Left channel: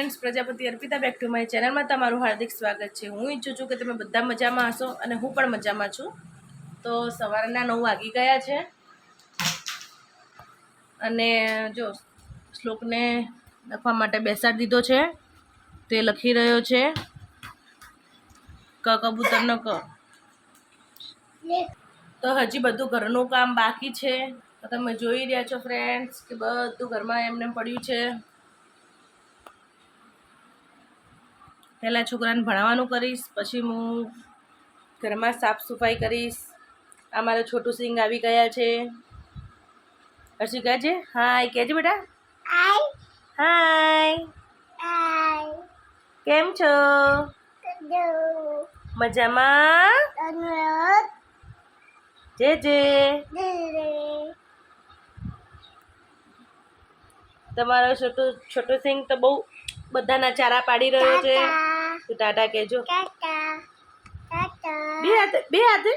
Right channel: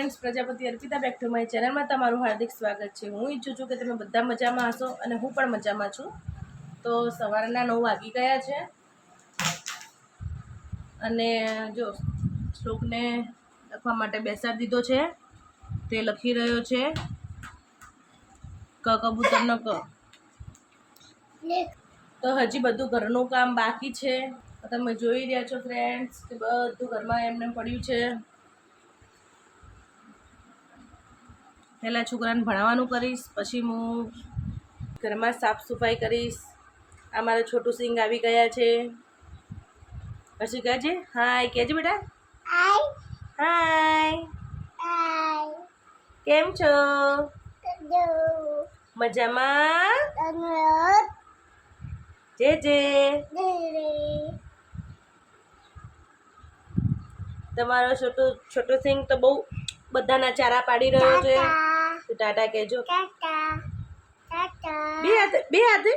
Friends Prajapati Arpita back to my ચેનલમાં તમારું હાર્દિક સ્વાગત છે. હું ઈચ્છું છું કે તમે બધા મજામાં હશો અને હું પણ મજામાં છું. તો સવારના નવ વાગી ગયા છે. અને જો શ્લોકને લખવા માટે બેસાડી દીધો છે. તે લખી રહ્યો છે. ક કબૂતર ન ક. તો હજી બધું ઘરનું કામ બાકી છે. તમે જોઈ રહ્યા છો ફ્રેન્ડ્સ કે બધું ઘરમાં એમને પડ્યું છે. પહેલાં છોકરાને ભણાવવાનું કરીશ પછી હું ઘરમાં સાફ સફાઈ કરીશ. આ મારા છોટું સિંગ આવી ગયા છે. હર્ષિ કહે છે હાય. કહેજે બેટા? હાય. કેમ છો? મજામાં? જે જે. તમારો છોટું છોટું સિંગ તો બહુ બધાના ચારા પાડી રહ્યો છે. તો ટાટા કહેજો બે હાથે બે હાથે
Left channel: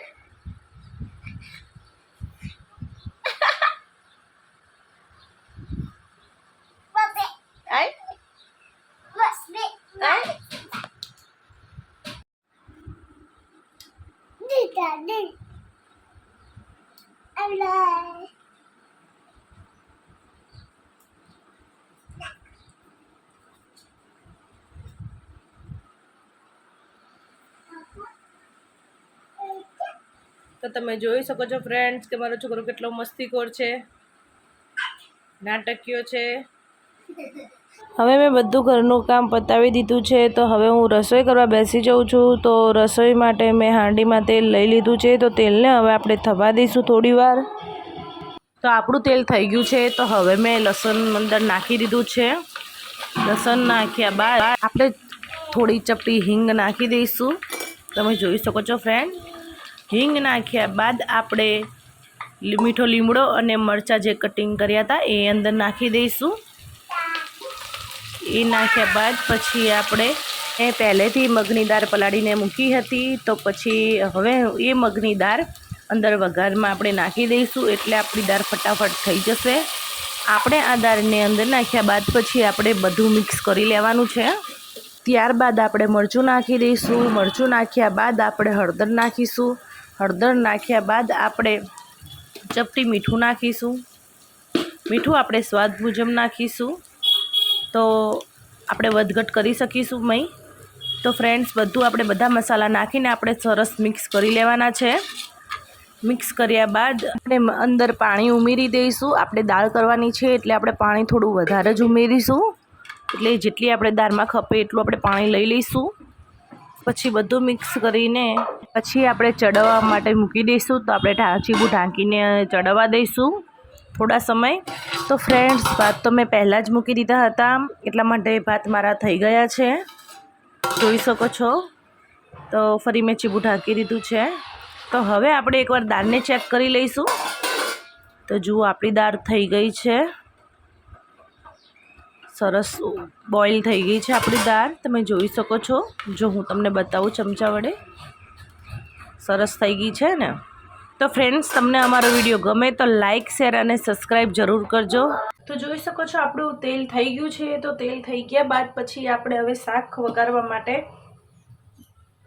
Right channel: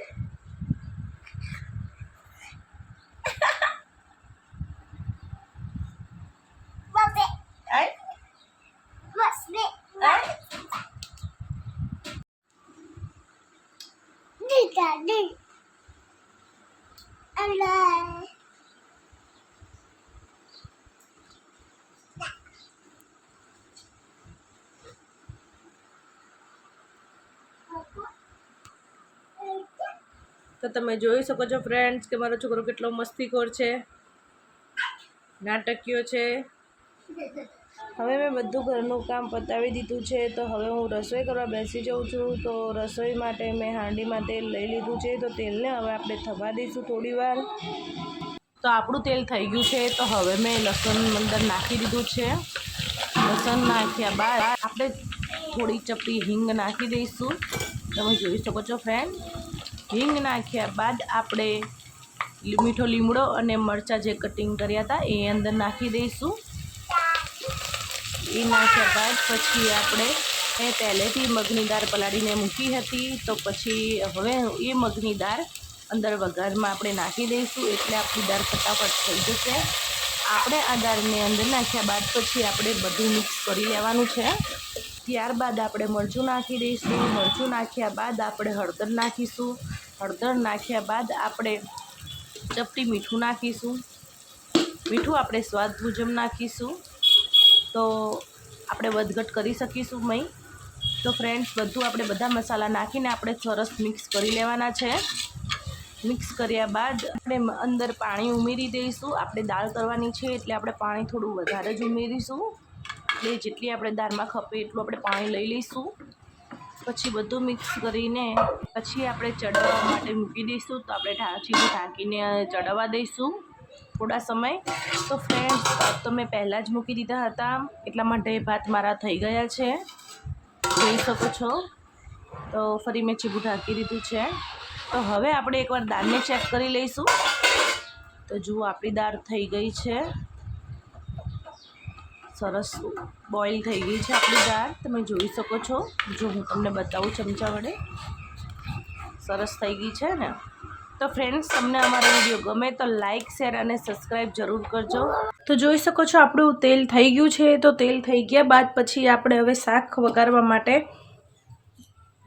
આય આય તો તમે જોઈ શકો છો ફ્રેન્ડ્સ કે મારો છોકરો કેટલો મસ્તીખોર છે. નાટકીયો છે. હવે મેં બધું ઘરનું કામ પતાવી દીધું છે, તો હવે હું રસોઈ કરવા બેસી જાઉં છું. તો રસોઈ માટે મેં હાંડીમાં તેલ લઈ લીધું છે, તો તેલને હવે આપણે થવા દઈશું થોડી વાર. તો આપણું તેલ થઈ ગયું છે, તો હવે મેં લસણ અંદર નાખી દીધું છે. લસણ નાખ્યા બાદ આપણે થોડી ચપટી હિંગ નાખી દઈશું. તમે જોઈ શકો છો ફ્રેન્ડ હિંગ નાખ્યા બાદ આપણે મીઠો લીમડો અને મરચાં જે કટિંગ કર્યા હતા એ અંદર નાખી દઈશું. એ નાખ્યા બાદ પછી આપણે એ પહેલેથી મગની દાળ પલાળીને મૂકી હતી તો પછી હવે એ મગની દાળ અંદર વઘારમાં આપણે નાખી દઈશું એટલે આપણી દાળ ફટાફટ થઈ જશે. આપણે આ દાળને અંદર નાખ્યા બાદ પછી આપણે બધું મિક્સ કરી લેવાનું છે. ત્યારબાદ આપણે મરચું નાખી દઈશું. મરચું નાખ્યા બાદ આપણે હળદર નાખીશું. હળદર નાખ્યા બાદ આપણે ચપટી મીઠું નાખીશું. મીઠું આપણે સ્વાદ મુજબ નાખીશું. તો આપણે વધઘટ કરી શકીશું મય તો ફ્રેન્ડ્સ બધું આપણે બધા મસાલા નાખીને આપણે સરસ મિક્સ કરી લેવાના છે. મિક્સ કર્યા બાદ આપણે અંદર પાણી ઉમેરી દઈશું. આપણે દાળ કરવાની છે એટલે આપણે પાણી થોડું વધારે જ ઉમેરીશું. એટલે જેટલી આપણે દાળમાં ખપે એટલું આપણે પાણી લઈ લઈશું. પછી બધું મિક્સ કરીને પછી આપણે ચડવવા માટે મૂકી દઈશું. તો આપણે ચીબું ઢાંકીને ચડવા દઈશું થોડા સમય. તો ફ્રેન્ડ્સ ભાત તો મેં પહેલાં જ મૂકી દીધા હતા. એટલા માટે ભાત મારા થઈ ગયા છે. જોઈ શકો છો. તો ફરી મેં ચીબું ઢાંકી દીધું છે. તો હવે આપણે એકવાર દાળને ચેક કરી લઈશું. તો જુઓ, આપણી દાળ થઈ ગઈ છે. સરસ બોઇલ થઈ ગઈ છે આપણી દાળ. તમે જોઈ શકો છો. જો હું તમને બતાવું ચમચા વડે. સરસ થઈ ગઈ છે ને? તો ફ્રેન્ડ્સ તમને અમારો વીડિયો ગમે તો લાઇક શેર અને સબસ્ક્રાઈબ જરૂર કરજો. તો જોઈ શકો છો આપણું તેલ થઈ ગયું છે. તો તેલ થઈ ગયા બાદ પછી આપણે હવે શાક વગાડવા માટે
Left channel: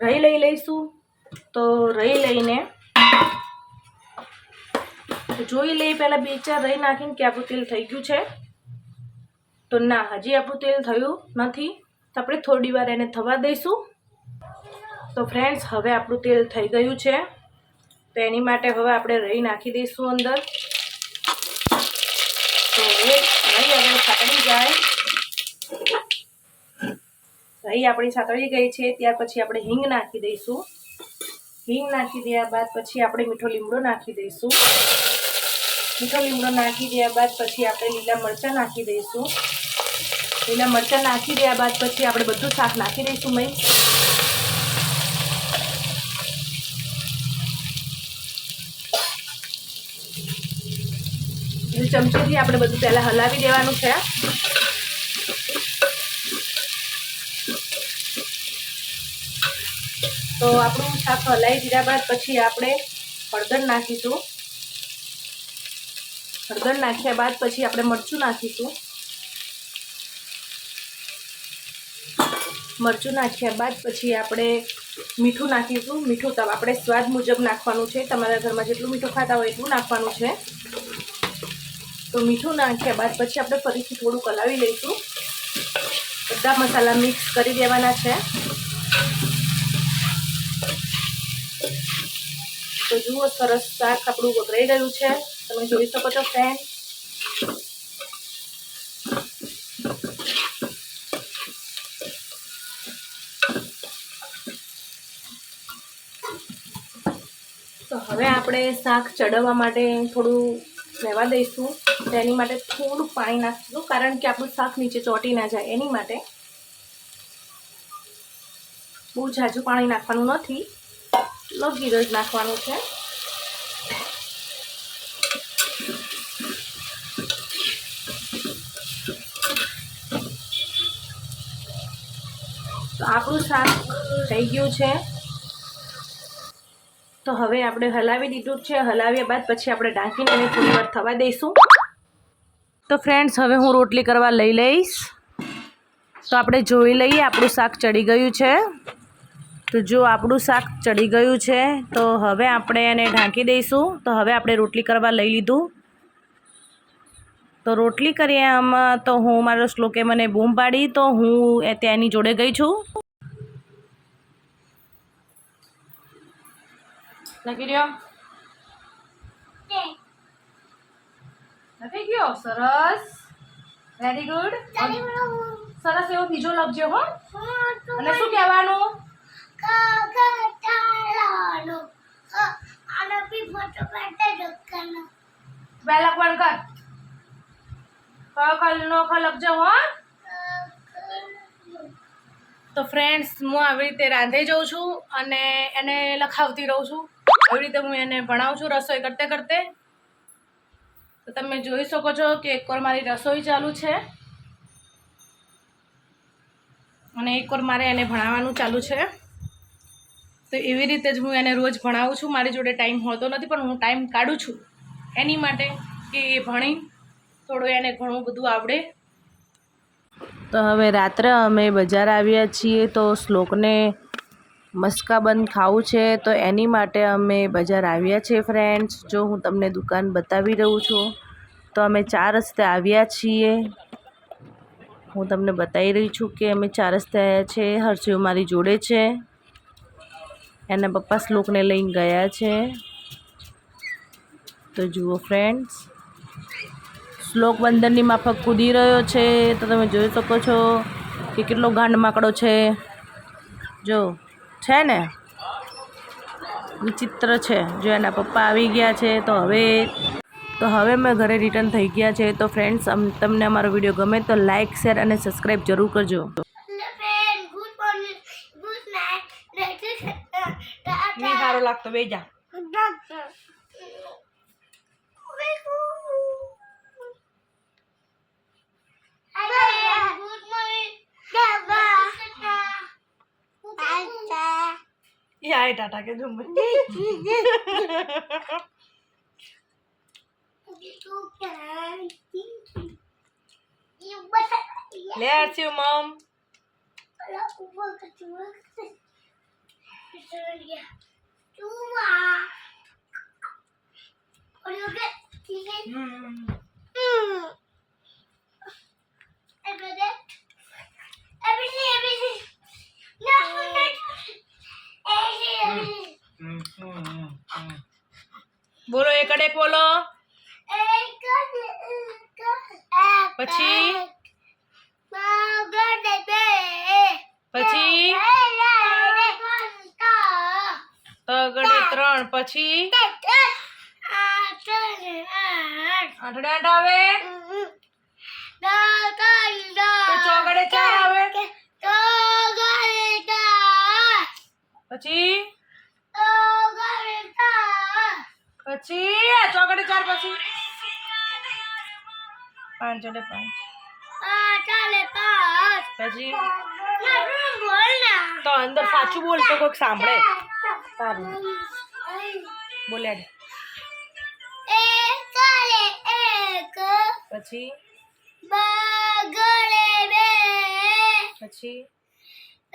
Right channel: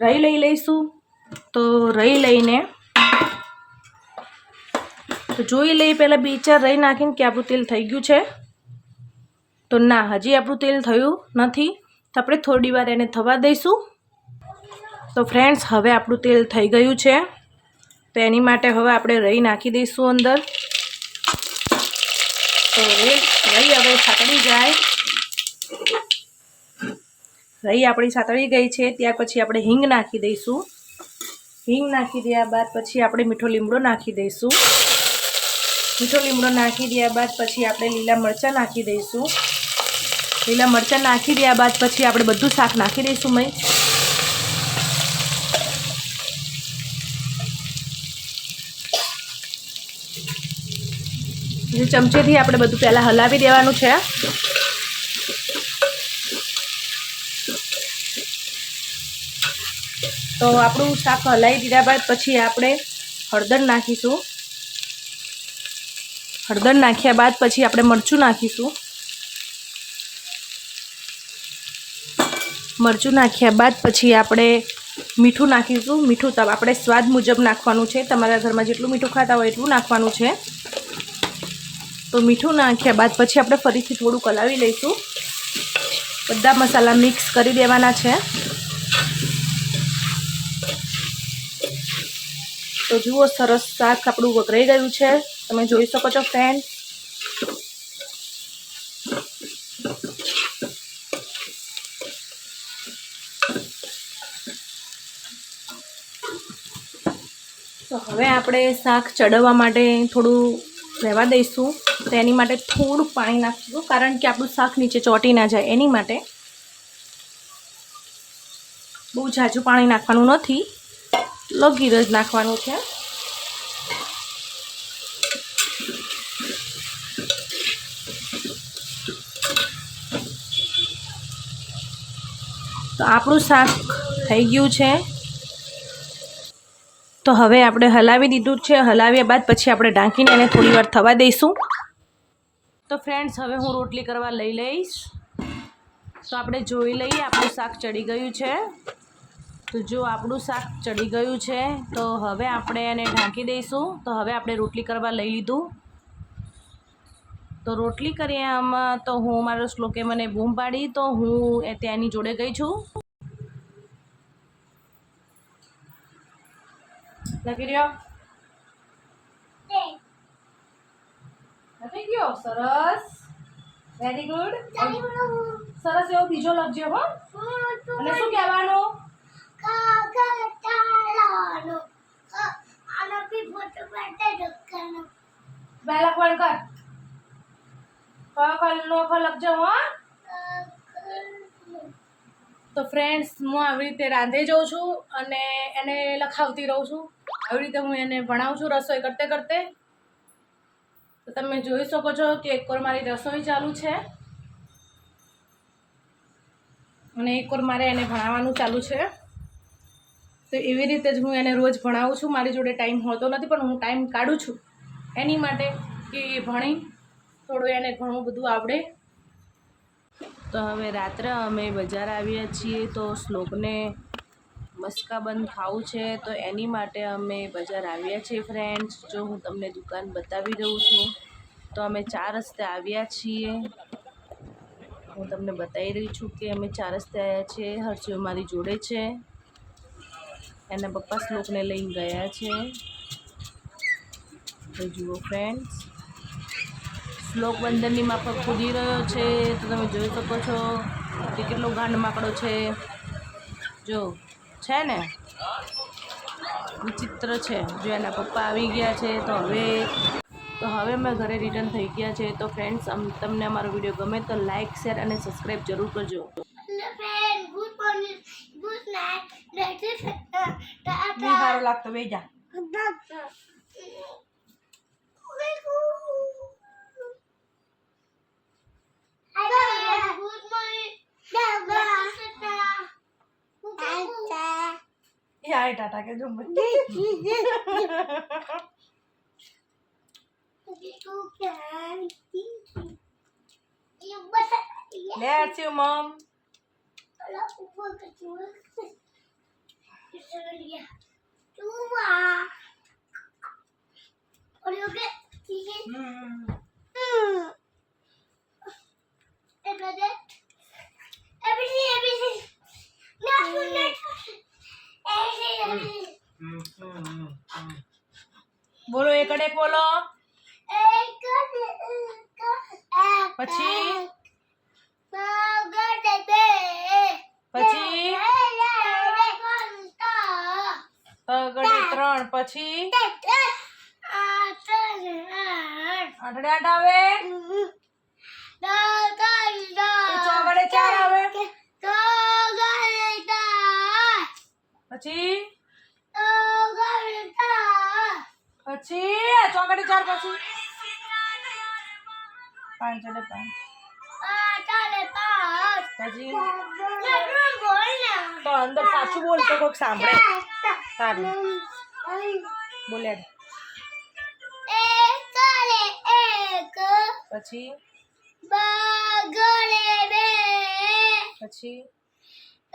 રહી લઈ લઈશું. તો રહી લઈને જોઈ લઈ પહેલાં બે ચાર રહી નાખીને કે આપણું તેલ થઈ ગયું છે. તો ના, હજી આપણું તેલ થયું નથી. તો આપણે થોડી વાર એને થવા દઈશું. તો ફ્રેન્ડ્સ હવે આપણું તેલ થઈ ગયું છે. તો એની માટે હવે આપણે રહી નાખી દઈશું અંદર. તો રહી આપણું સાતળી જાય. રહી આપણી સાતળી ગઈ છે, ત્યાર પછી આપણે હિંગ નાખી દઈશું. હિંગ નાખી દયા બાદ પછી આપણે મીઠો લીમડો નાખી દઈશું. મીઠો લીમડો નાખી દયા બાદ પછી આપણે લીલા મરચાં નાખી દઈશું. લીલા મરચાં નાખી દયા બાદ પછી આપણે બધું શાક નાખી દઈશું મય. ચમચીથી આપણે બધું પહેલાં હલાવી દેવાનું છે. તો આપણું શાક હલાવી દીધા બાદ પછી આપણે હળદર નાખીશું. હળદર નાખ્યા બાદ પછી આપણે મરચું નાખીશું. મરચું નાખ્યા બાદ પછી આપણે મીઠું નાખીશું. મીઠું આપણે સ્વાદ મુજબ નાખવાનું છે. તમારા ઘરમાં જેટલું મીઠું ખાતા હોય એટલું નાખવાનું છે. તો મીઠું નાખ્યા બાદ પછી આપણે ફરીથી થોડું કલાવી લઈશું. બધા મસાલા મિક્સ કરી દેવાના છે. તો જુઓ, સરસ શાક આપણું વઘરાઈ ગયું છે. તમે જોઈ શકો છો ફ્રેન્ડ તો હવે આપણે શાક ચડવવા માટે થોડું રહેવા દઈશું. તો એની માટે થોડું પાણી નાખીશું, કારણ કે આપણું શાક નીચે ચોટી ના જાય. એની માટે બહુ ઝાઝું પાણી નાખવાનું નથી. લગીર જ નાખવાનું છે. તો આપણું શાક થઈ ગયું છે. તો હવે આપણે હલાવી દીધું છે. હલાવ્યા બાદ પછી આપણે ઢાંકીને એને થોડી વાર થવા દઈશું. તો ફ્રેન્ડ્સ હવે હું રોટલી કરવા લઈ લઈશ. તો આપણે જોઈ લઈએ, આપણું શાક ચડી ગયું છે. તો જો આપણું શાક ચડી ગયું છે. તો હવે આપણે એને ઢાંકી દઈશું. તો હવે આપણે રોટલી કરવા લઈ લીધું. તો રોટલી કરીએ આમાં. તો હું મારો શ્લોકે મને બૂમ પાડી. તો હું એ ત્યાંની જોડે ગઈ છું. લખી રહ્યો? લખી ગયો? સરસ. વેરી ગુડ સરસ એવો બીજો લખજો હો. અને શું કહેવાનું? પહેલા પણ કર. કયો નો ખ લખજો હો. તો ફ્રેન્ડ્સ હું આવી રીતે રાંધે જાઉં છું અને એને લખાવતી રહું છું. આવી રીતે હું એને ભણાવું છું રસોઈ કરતે કરતે. તો તમે જોઈ શકો છો કે એકવાર મારી રસોઈ ચાલુ છે. અને એકવાર મારે એને ભણાવવાનું ચાલુ છે. તો એવી રીતે જ હું એને રોજ ભણાવું છું. મારી જોડે ટાઈમ હોતો નથી, પણ હું ટાઈમ કાઢું છું. એની માટે કે એ ભણી થોડું એને ઘણું બધું આવડે. તો હવે રાત્રે અમે બજાર આવ્યા છીએ તો શ્લોકને મસ્કાબંધ ખાવું છે તો એની માટે અમે બજાર આવ્યા છીએ ફ્રેન્ડ્સ જો હું તમને દુકાન બતાવી રહું છું તો અમે ચાર રસ્તે આવ્યા છીએ. હું તમને બતાવી રહી છું કે અમે ચાર રસ્તે આવ્યા છે હર્ષિયો મારી જોડે છે. એના પપ્પા શ્લોકને લઈને ગયા છે. તો જુઓ ફ્રેન્ડ્સ શ્લોક બંદરની માફક કૂદી રહ્યો છે તો તમે જોઈ શકો છો કે કેટલો ગાંડ માકડો છે. જો છે ને? વિચિત્ર છે. જો એના પપ્પા આવી ગયા છે તો હવે તો હવે મેં ઘરે રિટર્ન થઈ ગયા છે. તો ફ્રેન્ડ્સ તમને અમારો વીડિયો ગમે તો લાઇક શેર અને સબસ્ક્રાઈબ જરૂર કરજો. સારો લાગતો બે એ આય ટાટા કે જો લે આરસીઓ મમ બોલો એક અડે બોલો પછી? પછી? તગડે ત્રણ, પછી? આઠડે આઠ આવે? તો ચોગડે ચાર આવે? પછી? પછી ચોકડે ચાર પછી. પાંચ જોડે પાંચ. પછી? તો અંદર સાચું બોલ તો કોઈક સાંભળે. તારું. બોલે પછી? પછી?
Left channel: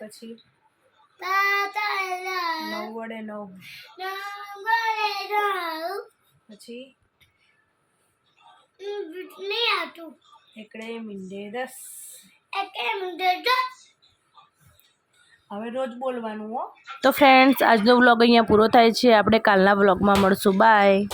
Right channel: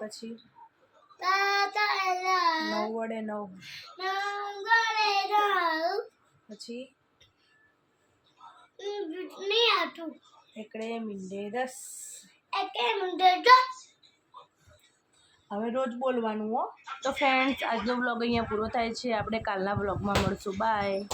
પછી નવ વડે નવ. પછી એકડે મીંડે દસ. એકે દસ. હવે રોજ બોલવાનું હો. તો ફ્રેન્ડ્સ આજનો વ્લોગ અહીંયા પૂરો થાય છે. આપણે કાલના વ્લોગમાં મળશું. બાય